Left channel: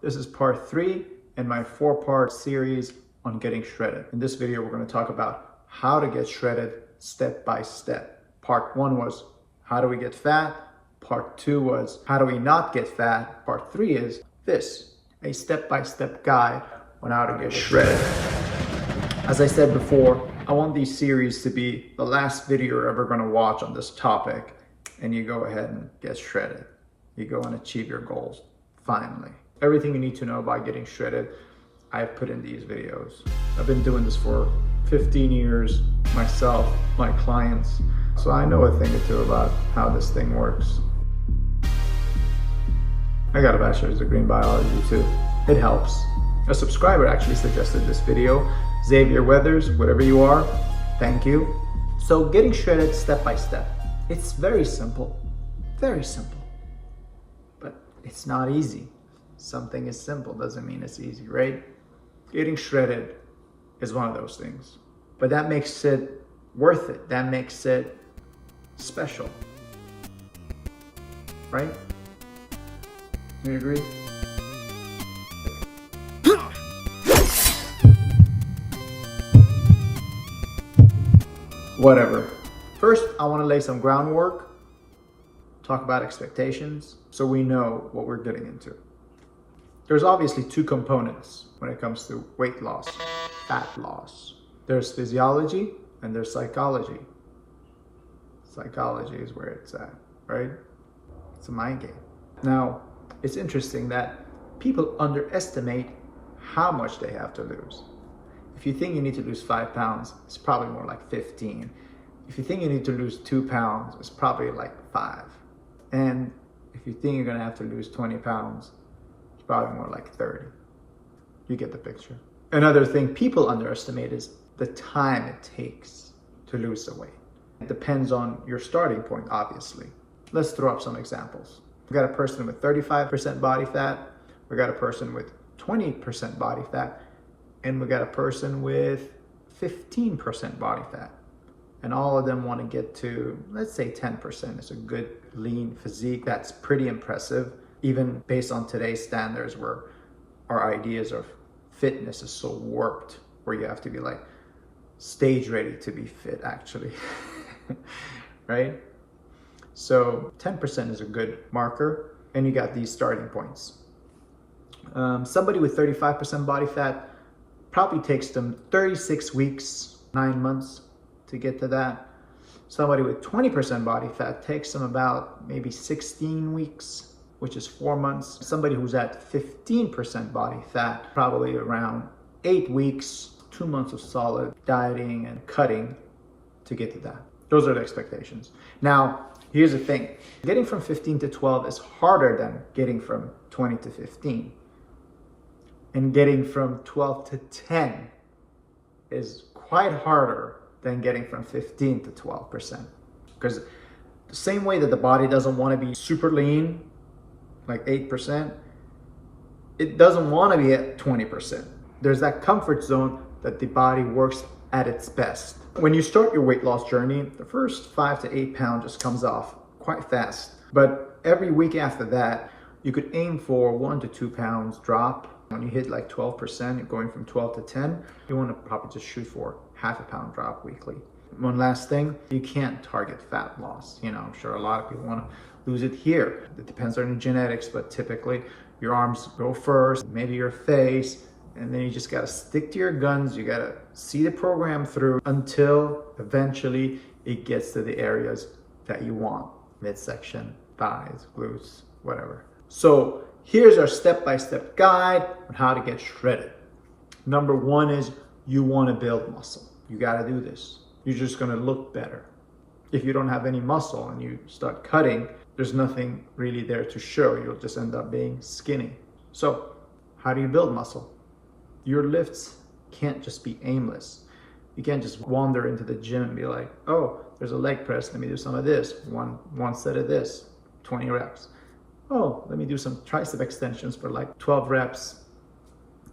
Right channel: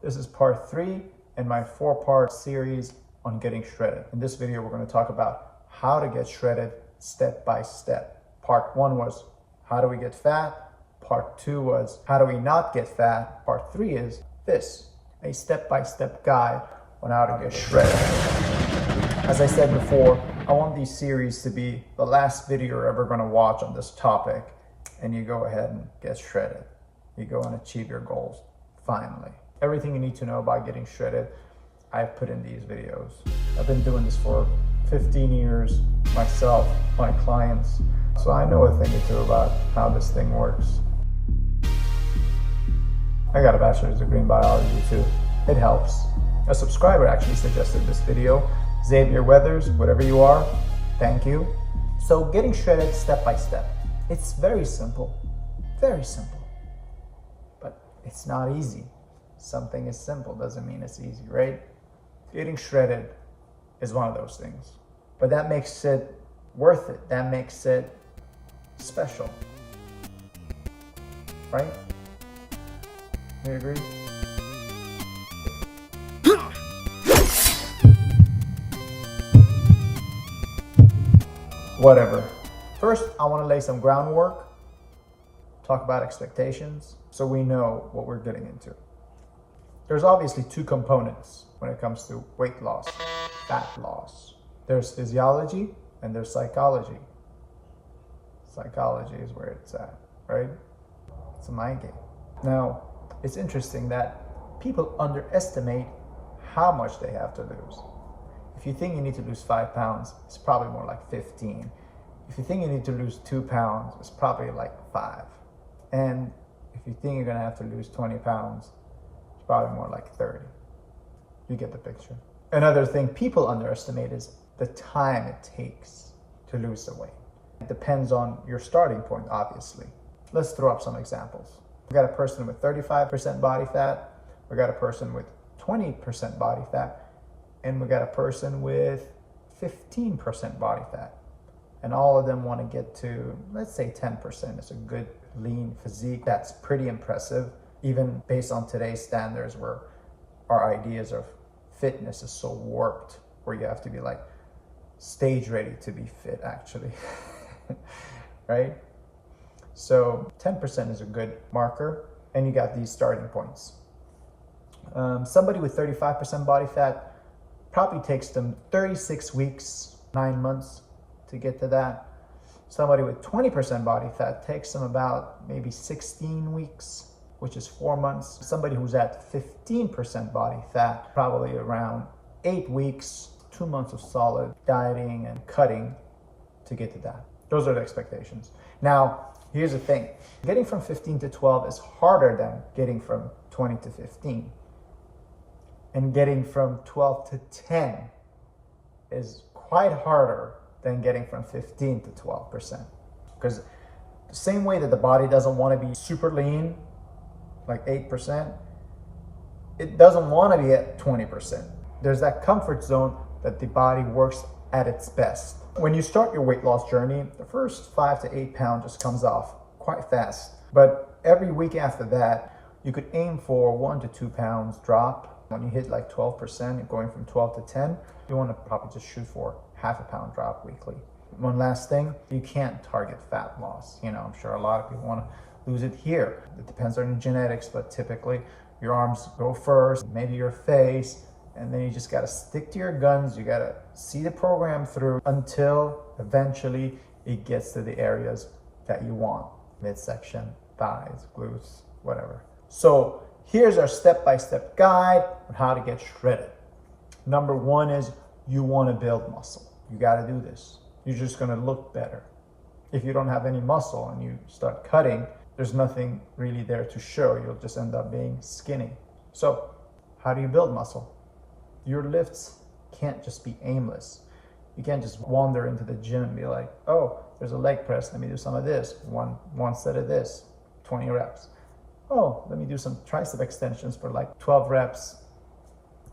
this is part 3 in my 4-part series on getting shredded. In this video, we're going to talk about how to get shredded step by step. Part 1 was how do we get fat? Part 2 was how do we not get fat? Part 3 is this, a step-by-step guide on how to get shredded. As I said before, I want these series to be the last video you're ever going to watch on this topic, and you go ahead and get shredded. You go and achieve your goals, finally. Everything you need to know about getting shredded, I've put in these videos. I've been doing this for 15 years, myself, my clients, so I know a thing or two about how this thing works. I got a bachelor's degree in biology too. It helps. A subscriber actually suggested this video. Xavier Weathers, whatever you are, thank you. So getting shredded step by step. It's very simple, but it's not easy. Something is simple doesn't mean it's easy, right? Getting shredded is one of those things, but that makes it worth it. That makes it special, right? You agree? Whatever. First, I want to lay some groundwork, talk about expectations, so we know what we're getting into. There's obviously 2 components when it comes to weight loss, fat loss. There's physiology and there's psychology. Psychology is where it's at, right? It's a mind game. Now, it's interesting that people underestimate how much they have to lose. If you think you need to lose 5 pounds, it's probably more like 15. If you think you need to lose 2 pounds, it's probably like 5. And if you think you're gonna have to lose 20 pounds, it's probably more like 30. You get the picture. Another thing people underestimate is the time it takes to lose the weight. It depends on your starting point, obviously. Let's throw up some examples. We got a person with 35% body fat, we got a person with 20% body fat, and we got a person with 15% body fat. And all of them want to get to, let's say 10%. It's a good lean physique. That's pretty impressive, even based on today's standards where our ideas of fitness is so warped, where you have to be like stage ready to be fit actually, right? So 10% is a good marker, and you got these starting points. Somebody with 35% body fat probably takes them 36 weeks, 9 months to get to that. Somebody with 20% body fat takes them about maybe 16 weeks, which is 4 months. Somebody who's at 15% body fat, probably around 8 weeks, 2 months of solid dieting and cutting to get to that. Those are the expectations. Now, here's the thing. Getting from 15 to 12 is harder than getting from 20 to 15. And getting from 12 to 10 is quite harder than getting from 15 to 12%. Because the same way that the body doesn't want to be super lean, like 8%, it doesn't want to be at 20%. There's that comfort zone that the body works at its best. When you start your weight loss journey, the first 5 to 8 pounds just comes off quite fast. But every week after that, you could aim for 1 to 2 pounds drop. When you hit like 12%, you're going from 12 to 10, you want to probably just shoot for half a pound drop weekly. One last thing, you can't target fat loss. You know, I'm sure a lot of people want to lose it here. It depends on your genetics, but typically your arms go first, maybe your face, and then you just got to stick to your guns. You got to see the program through until eventually it gets to the areas that you want. Midsection, thighs, glutes, whatever. So here's our step-by-step guide on how to get shredded. Number 1 is you want to build muscle. You got to do this. You're just going to look better. If you don't have any muscle and you start cutting, there's nothing really there to show. You'll just end up being skinny. So how do you build muscle? Your lifts can't just be aimless. You can't just wander into the gym and be like, oh, there's a leg press. Let me do some of this. One set of this, 20 reps. Oh, let me do some tricep extensions for like 12 reps,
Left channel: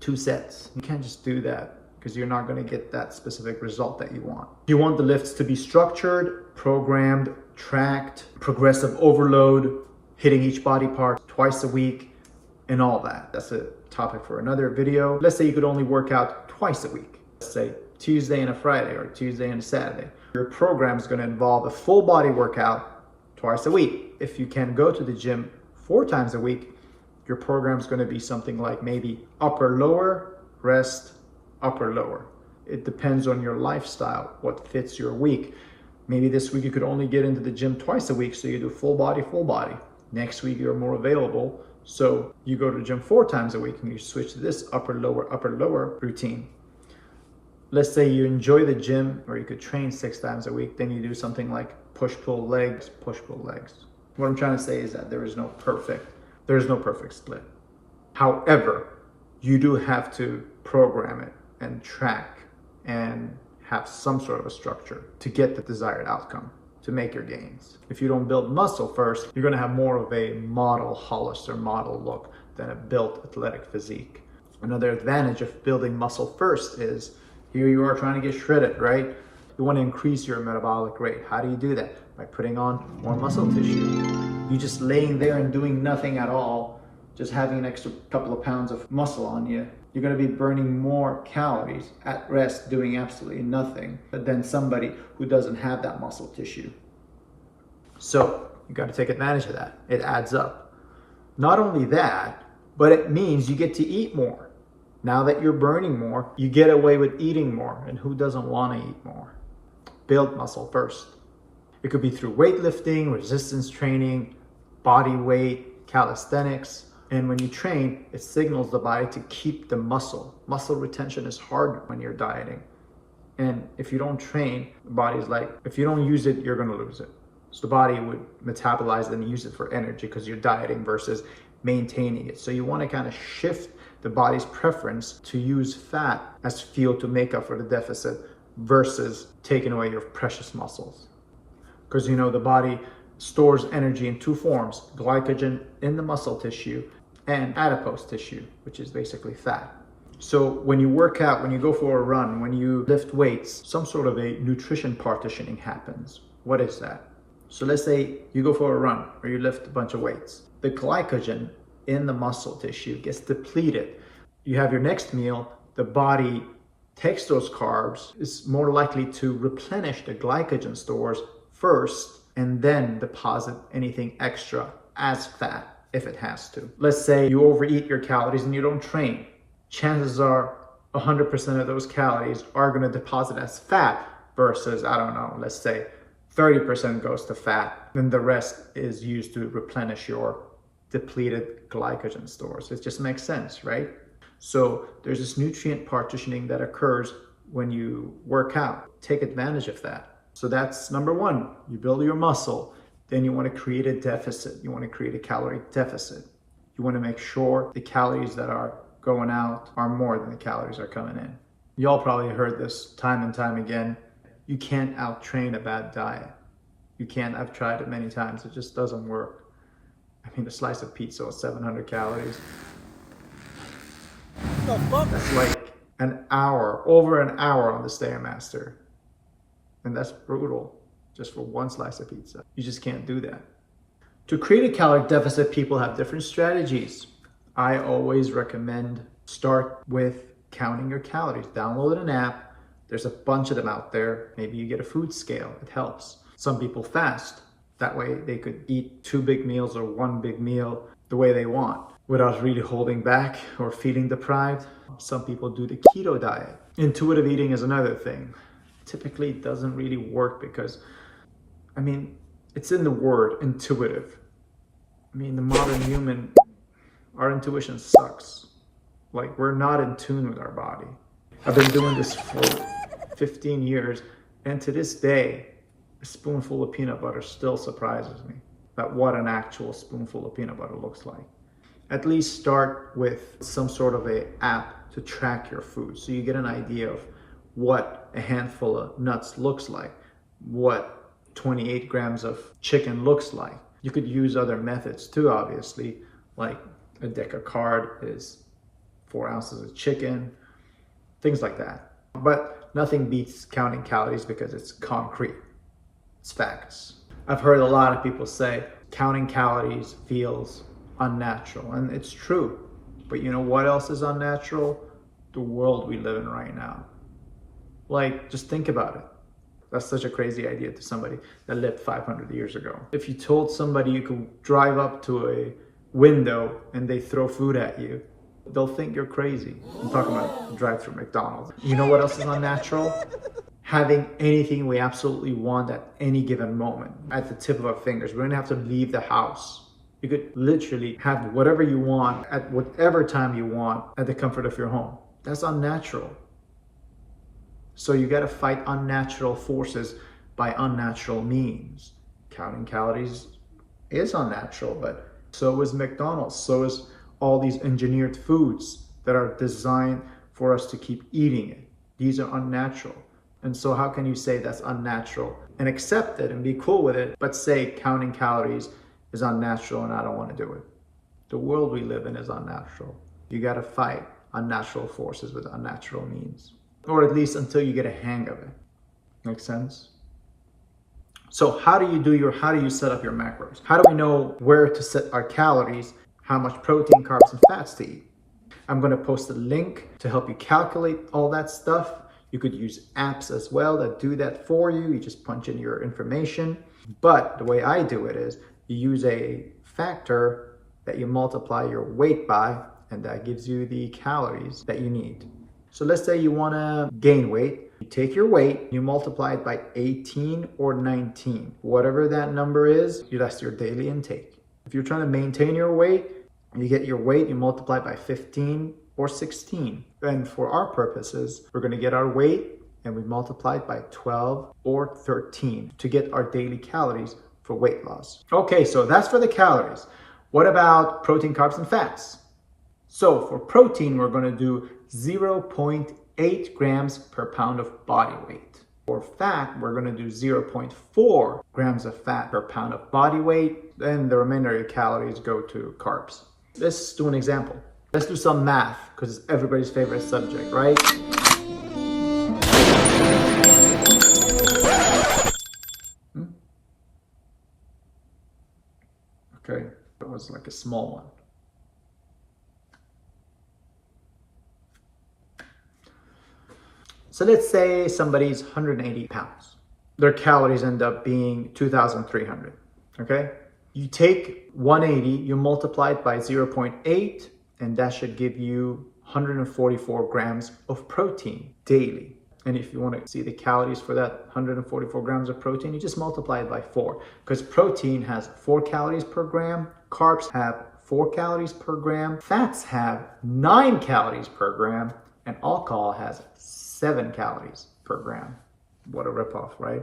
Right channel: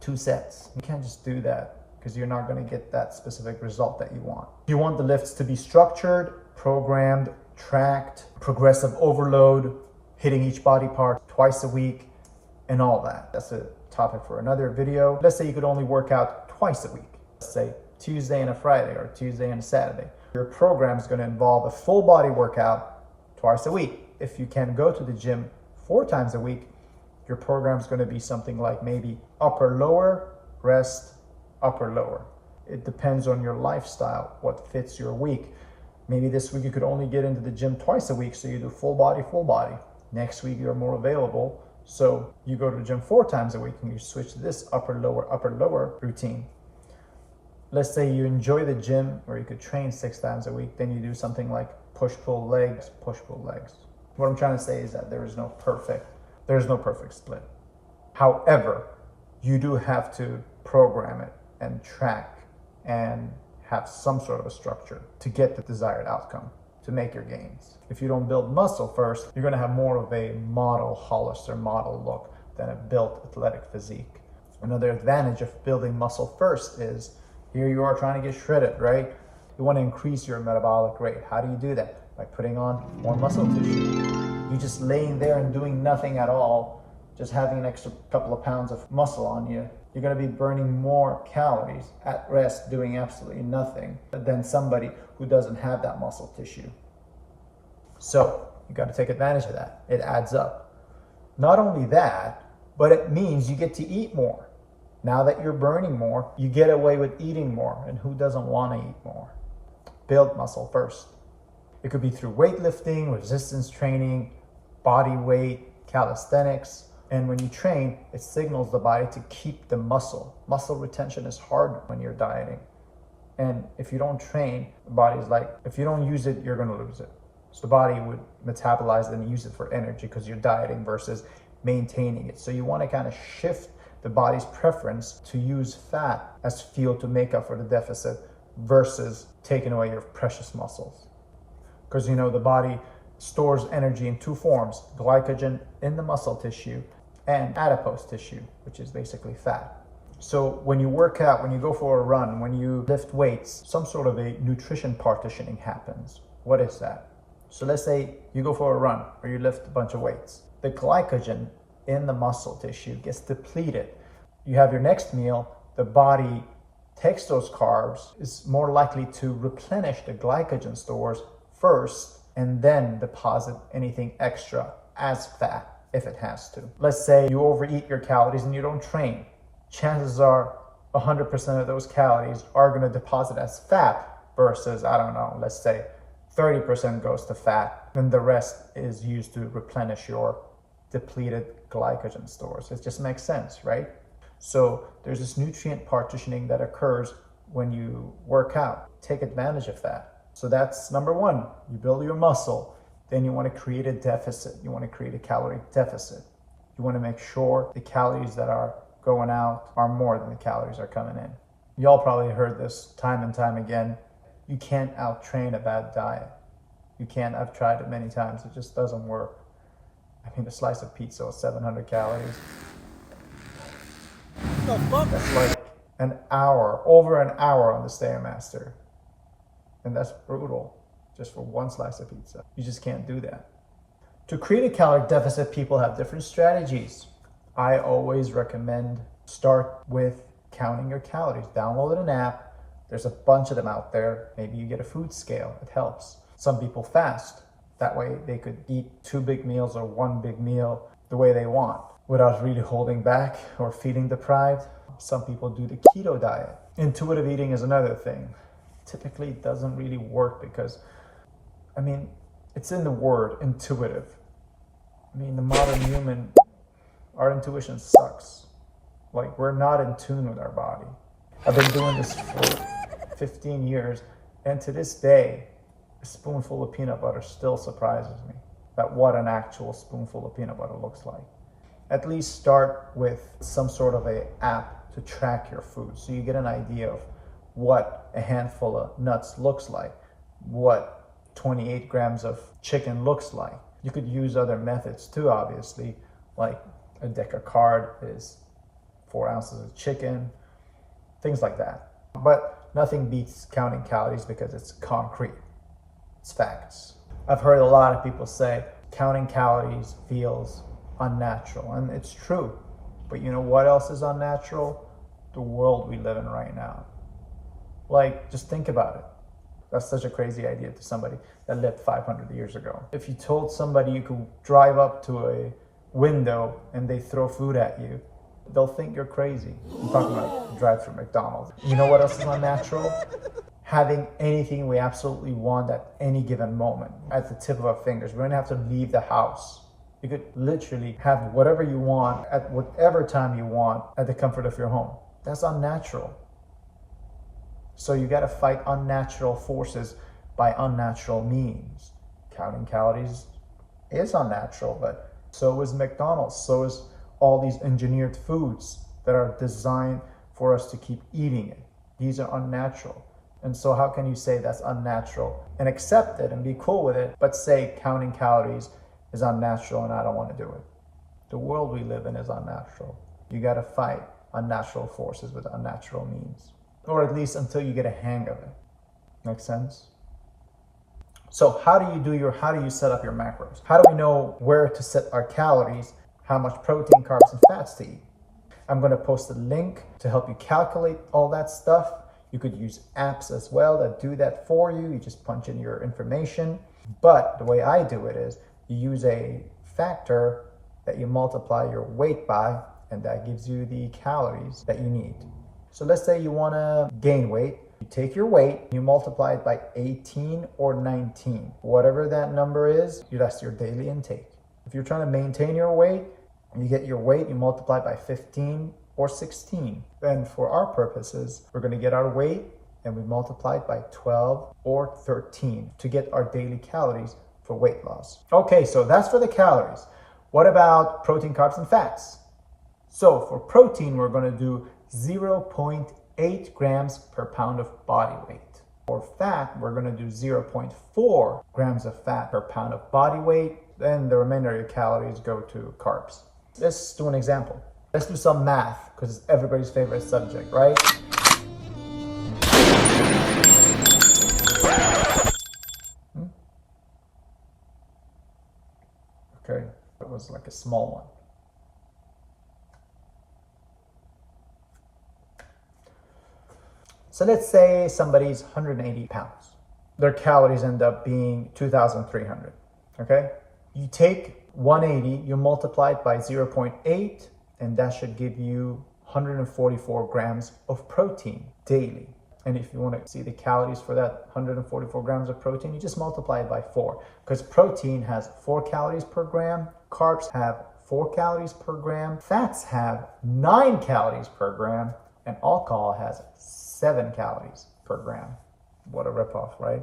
2 sets. You can't just do that because you're not going to get that specific result that you want. You want the lifts to be structured, programmed, tracked, progressive overload, hitting each body part twice a week, and all that. That's a topic for another video. Let's say you could only work out twice a week. Let's say Tuesday and a Friday or Tuesday and a Saturday. Your program is going to involve a full body workout twice a week. If you can go to the gym 4 times a week, your program is going to be something like maybe upper lower, rest, upper lower. It depends on your lifestyle, what fits your week. Maybe this week you could only get into the gym twice a week, so you do full body, full body. Next week you're more available, so you go to the gym 4 times a week and you switch to this upper lower routine. Let's say you enjoy the gym, or you could train 6 times a week, then you do something like push-pull legs, push-pull legs. What I'm trying to say is that there is no perfect split. However, you do have to program it and track and have some sort of a structure to get the desired outcome, to make your gains. If you don't build muscle first, you're gonna have more of a model Hollister model look than a built athletic physique. Another advantage of building muscle first is, here you are trying to get shredded, right? You want to increase your metabolic rate. How do you do that? By putting on more muscle tissue. You just laying there and doing nothing at all, just having an extra couple of pounds of muscle on you, you're going to be burning more calories at rest doing absolutely nothing than somebody who doesn't have that muscle tissue. So you got to take advantage of that. It adds up. Not only that, but it means you get to eat more. Now that you're burning more, you get away with eating more. And who doesn't want to eat more? Build muscle first. It could be through weightlifting, resistance training, body weight, calisthenics. And when you train, it signals the body to keep the muscle. Muscle retention is hard when you're dieting. And if you don't train, the body's like, if you don't use it, you're going to lose it. So the body would metabolize and use it for energy because you're dieting versus maintaining it. So you want to kind of shift the body's preference to use fat as fuel to make up for the deficit versus taking away your precious muscles. Because you know, the body stores energy in 2 forms: glycogen in the muscle tissue and adipose tissue, which is basically fat. So when you work out, when you go for a run, when you lift weights, some sort of a nutrition partitioning happens. What is that? So let's say you go for a run or you lift a bunch of weights. The glycogen in the muscle tissue gets depleted. You have your next meal, the body takes those carbs, is more likely to replenish the glycogen stores first and then deposit anything extra as fat if it has to. Let's say you overeat your calories and you don't train. Chances are 100% of those calories are going to deposit as fat versus, I don't know, let's say 30% goes to fat, and the rest is used to replenish your depleted glycogen stores. It just makes sense, right? So there's this nutrient partitioning that occurs when you work out. Take advantage of that. So that's number 1. You build your muscle. Then you want to create a deficit. You want to create a calorie deficit. You want to make sure the calories that are going out are more than the calories are coming in. Y'all probably heard this time and time again. You can't out-train a bad diet. You can't. I've tried it many times. It just doesn't work. I mean, a slice of pizza is 700 calories. What the fuck? That's like an hour, over an hour on the Stairmaster. And that's brutal, just for one slice of pizza. You just can't do that. To create a calorie deficit, people have different strategies. I always recommend start with counting your calories. Download an app. There's a bunch of them out there. Maybe you get a food scale. It helps. Some people fast. That way they could eat 2 big meals or 1 big meal the way they want without really holding back or feeling deprived. Some people do the keto diet. Intuitive eating is another thing. Typically it doesn't really work because, I mean, it's in the word intuitive. I mean, the modern human, our intuition sucks. Like, we're not in tune with our body. I've been doing this for 15 years, and to this day, a spoonful of peanut butter still surprises me at what an actual spoonful of peanut butter looks like. At least start with some sort of a app to track your food, so you get an idea of what a handful of nuts looks like, what 28 grams of chicken looks like. You could use other methods too, obviously, like a Decacard is 4 ounces of chicken, things like that. But nothing beats counting calories because it's concrete. It's facts. I've heard a lot of people say counting calories feels unnatural, and it's true. But you know what else is unnatural? The world we live in right now. Like, just think about it. That's such a crazy idea to somebody that lived 500 years ago. If you told somebody you could drive up to a window and they throw food at you, they'll think you're crazy. I'm talking about drive through McDonald's. You know what else is unnatural? Having anything we absolutely want at any given moment at the tip of our fingers. We don't have to leave the house. You could literally have whatever you want at whatever time you want at the comfort of your home. That's unnatural. So you got to fight unnatural forces by unnatural means. Counting calories is unnatural, but so is McDonald's. So is all these engineered foods that are designed for us to keep eating it. These are unnatural. And so how can you say that's unnatural and accept it and be cool with it, but say counting calories is unnatural and I don't want to do it? The world we live in is unnatural. You got to fight unnatural forces with unnatural means, or at least until you get a hang of it. Make sense? So how do you set up your macros? How do we know where to set our calories, how much protein, carbs, and fats to eat? I'm going to post a link to help you calculate all that stuff. You could use apps as well that do that for you. You just punch in your information. But the way I do it is you use a factor that you multiply your weight by, and that gives you the calories that you need. So let's say you want to gain weight. You take your weight, you multiply it by 18 or 19. Whatever that number is, that's your daily intake. If you're trying to maintain your weight, you get your weight, you multiply by 15 or 16. And for our purposes, we're going to get our weight and we multiply it by 12 or 13 to get our daily calories for weight loss. Okay, so that's for the calories. What about protein, carbs, and fats? So for protein, we're going to do 0.8 grams per pound of body weight. For fat, we're going to do 0.4 grams of fat per pound of body weight. Then the remainder of your calories go to carbs. Let's do an example. Let's do some math, because it's everybody's favorite subject, right? Okay, that was like a small one. So let's say somebody's 180 pounds. Their calories end up being 2,300, okay? You take 180, you multiply it by 0.8, and that should give you 144 grams of protein daily. And if you want to see the calories for that 144 grams of protein, you just multiply it by 4, because protein has 4 calories per gram, carbs have 4 calories per gram, fats have 9 calories per gram, and alcohol has 7 calories per gram. What a ripoff, right?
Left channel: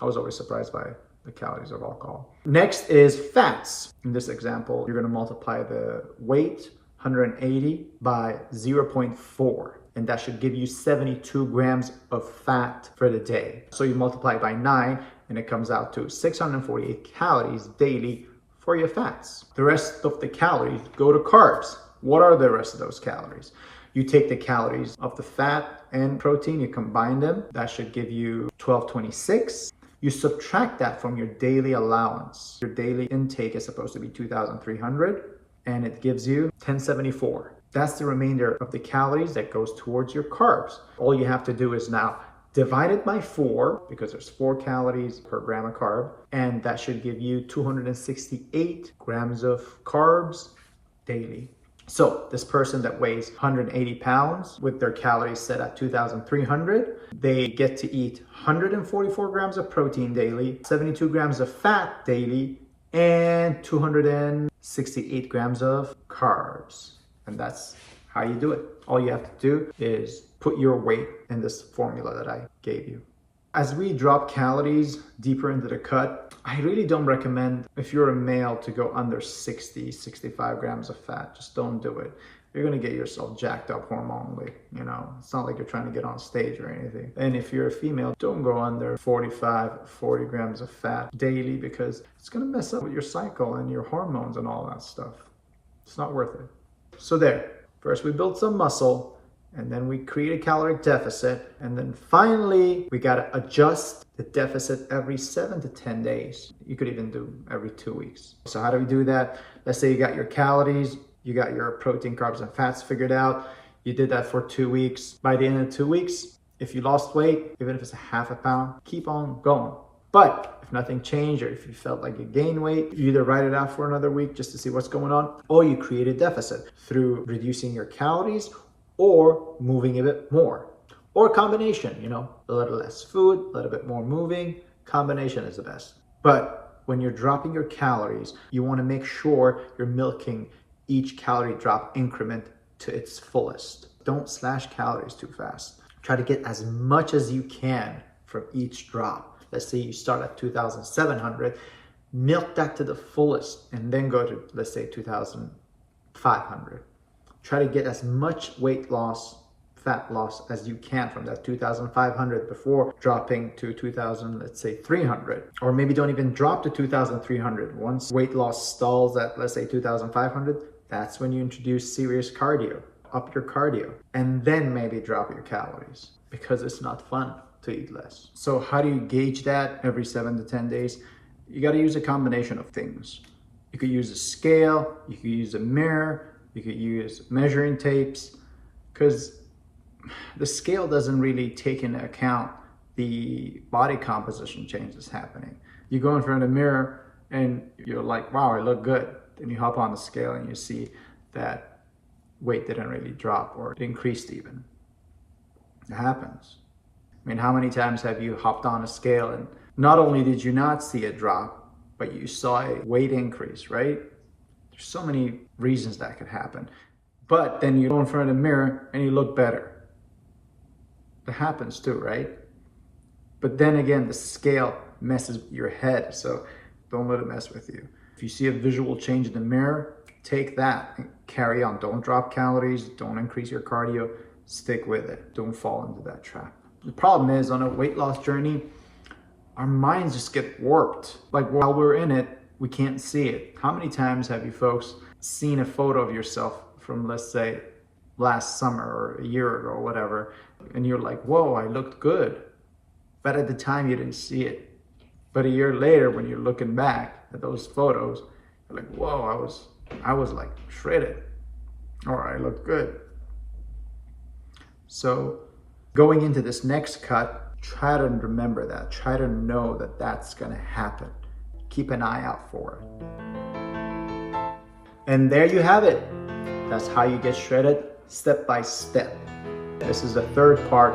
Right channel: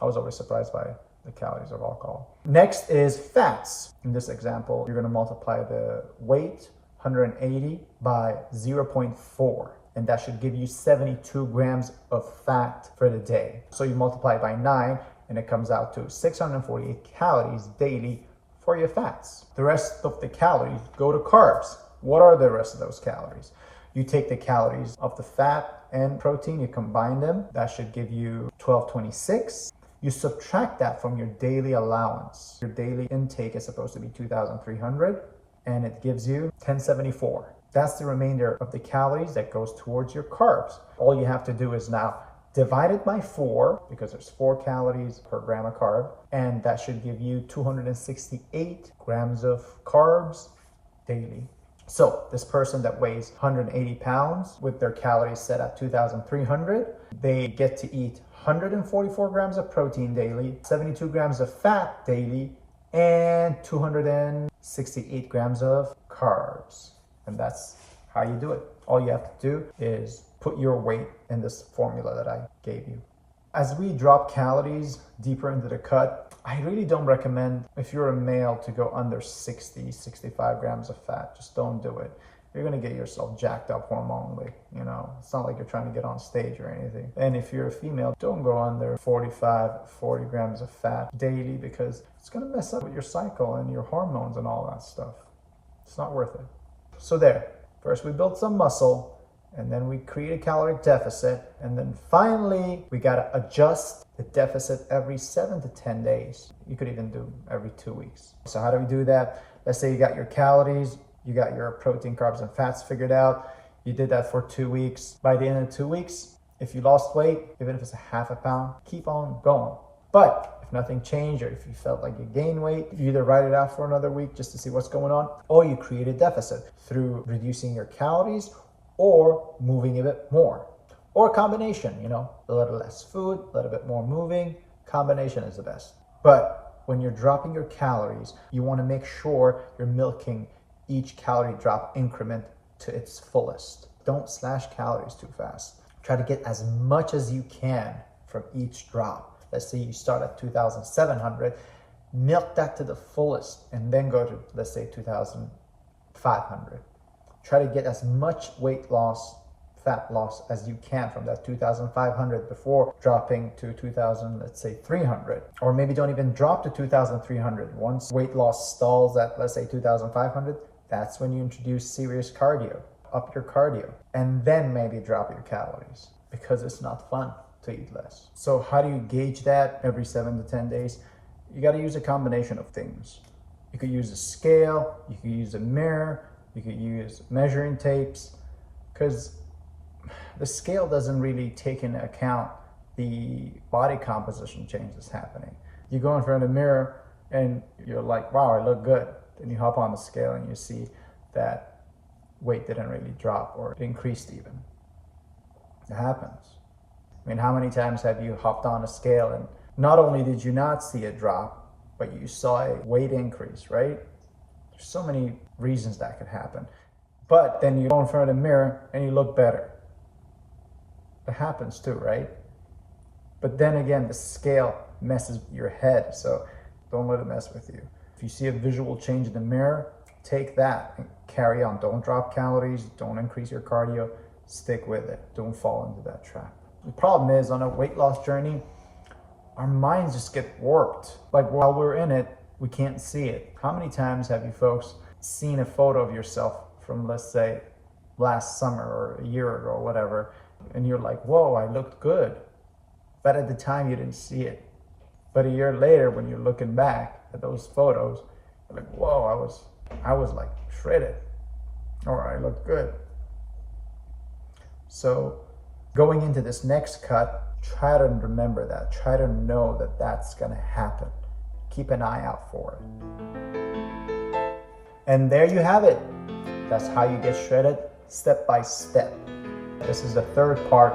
I was always surprised by the calories of alcohol. Next is fats. In this example, you're going to multiply the weight, 180, by 0.4. And that should give you 72 grams of fat for the day. So you multiply by 9, and it comes out to 648 calories daily for your fats. The rest of the calories go to carbs. What are the rest of those calories? You take the calories of the fat and protein, you combine them. That should give you 1226. You subtract that from your daily allowance. Your daily intake is supposed to be 2,300, and it gives you 1074. That's the remainder of the calories that goes towards your carbs. All you have to do is now divide it by 4, because there's 4 calories per gram of carb, and that should give you 268 grams of carbs daily. So this person that weighs 180 pounds with their calories set at 2,300, they get to eat 144 grams of protein daily, 72 grams of fat daily, and 268 grams of carbs. And that's how you do it. All you have to do is put your weight in this formula that I gave you. As we drop calories deeper into the cut, I really don't recommend, if you're a male, to go under 60, 65 grams of fat. Just don't do it. You're going to get yourself jacked up hormonally. You know, it's not like you're trying to get on stage or anything. And if you're a female, don't go under 45, 40 grams of fat daily, because it's going to mess up with your cycle and your hormones and all that stuff. It's not worth it. So there, first we build some muscle, and then we create a caloric deficit, and then finally we got to adjust the deficit every 7 to 10 days. You could even do every 2 weeks. So how do we do that? Let's say you got your calories, you got your protein, carbs, and fats figured out. You did that for 2 weeks. By the end of 2 weeks, if you lost weight, even if it's a half a pound, keep on going. But if nothing changed, or if you felt like you gained weight, you either write it out for another week just to see what's going on, or you create a deficit through reducing your calories or moving a bit more. Or a combination, a little less food, a little bit more moving. Combination is the best. But when you're dropping your calories, you want to make sure you're milking each calorie drop increment to its fullest. Don't slash calories too fast. Try to get as much as you can from each drop. Let's say you start at 2,700, milk that to the fullest, and then go to, let's say, 2,500. Try to get as much weight loss, fat loss as you can from that 2,500 before dropping to 2,000, let's say 300. Or maybe don't even drop to 2,300. Once weight loss stalls at, let's say, 2,500, that's when you introduce serious cardio. Up your cardio, and then maybe drop your calories, because it's not fun to eat less. So how do you gauge that every 7 to 10 days? You got to use a combination of things. You could use a scale, you could use a mirror, you could use measuring tapes, because the scale doesn't really take into account the body composition changes happening. You go in front of the mirror and you're like, wow, I look good. Then you hop on the scale and you see that weight didn't really drop, or it increased even. It happens. I mean, how many times have you hopped on a scale and not only did you not see a drop, but you saw a weight increase, right? There's so many reasons that could happen. But then you go in front of the mirror and you look better. That happens too, right? But then again, the scale messes with your head, so don't let it mess with you. If you see a visual change in the mirror, take that and carry on. Don't drop calories, don't increase your cardio, stick with it. Don't fall into that trap. The problem is, on a weight loss journey, our minds just get warped. Like, while we're in it, we can't see it. How many times have you folks seen a photo of yourself from, let's say, last summer or a year ago or whatever, and you're like, whoa, I looked good. But at the time you didn't see it. But a year later, when you're looking back at those photos, you're like, whoa, I was like shredded, or I look good. So going into this next cut, try to remember that. Try to know that that's gonna happen. Keep an eye out for it. And there you have it. That's how you get shredded, step by step. This is the third part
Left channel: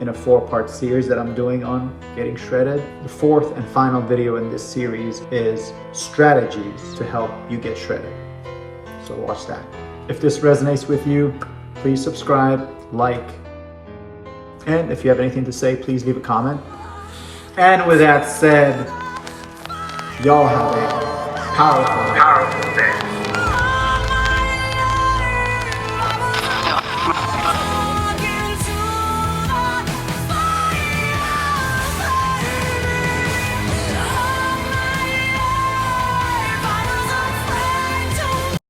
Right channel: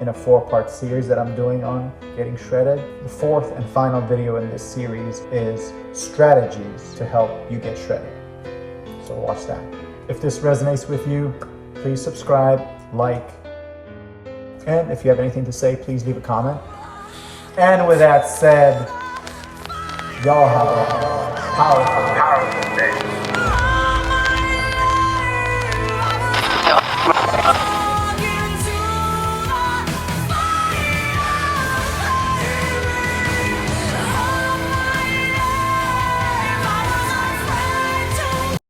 in a 4-part series that I'm doing on getting shredded. The fourth and final video in this series is strategies to help you get shredded. So watch that. If this resonates with you, please subscribe, like, and if you have anything to say, please leave a comment. And with that said, y'all have a powerful day.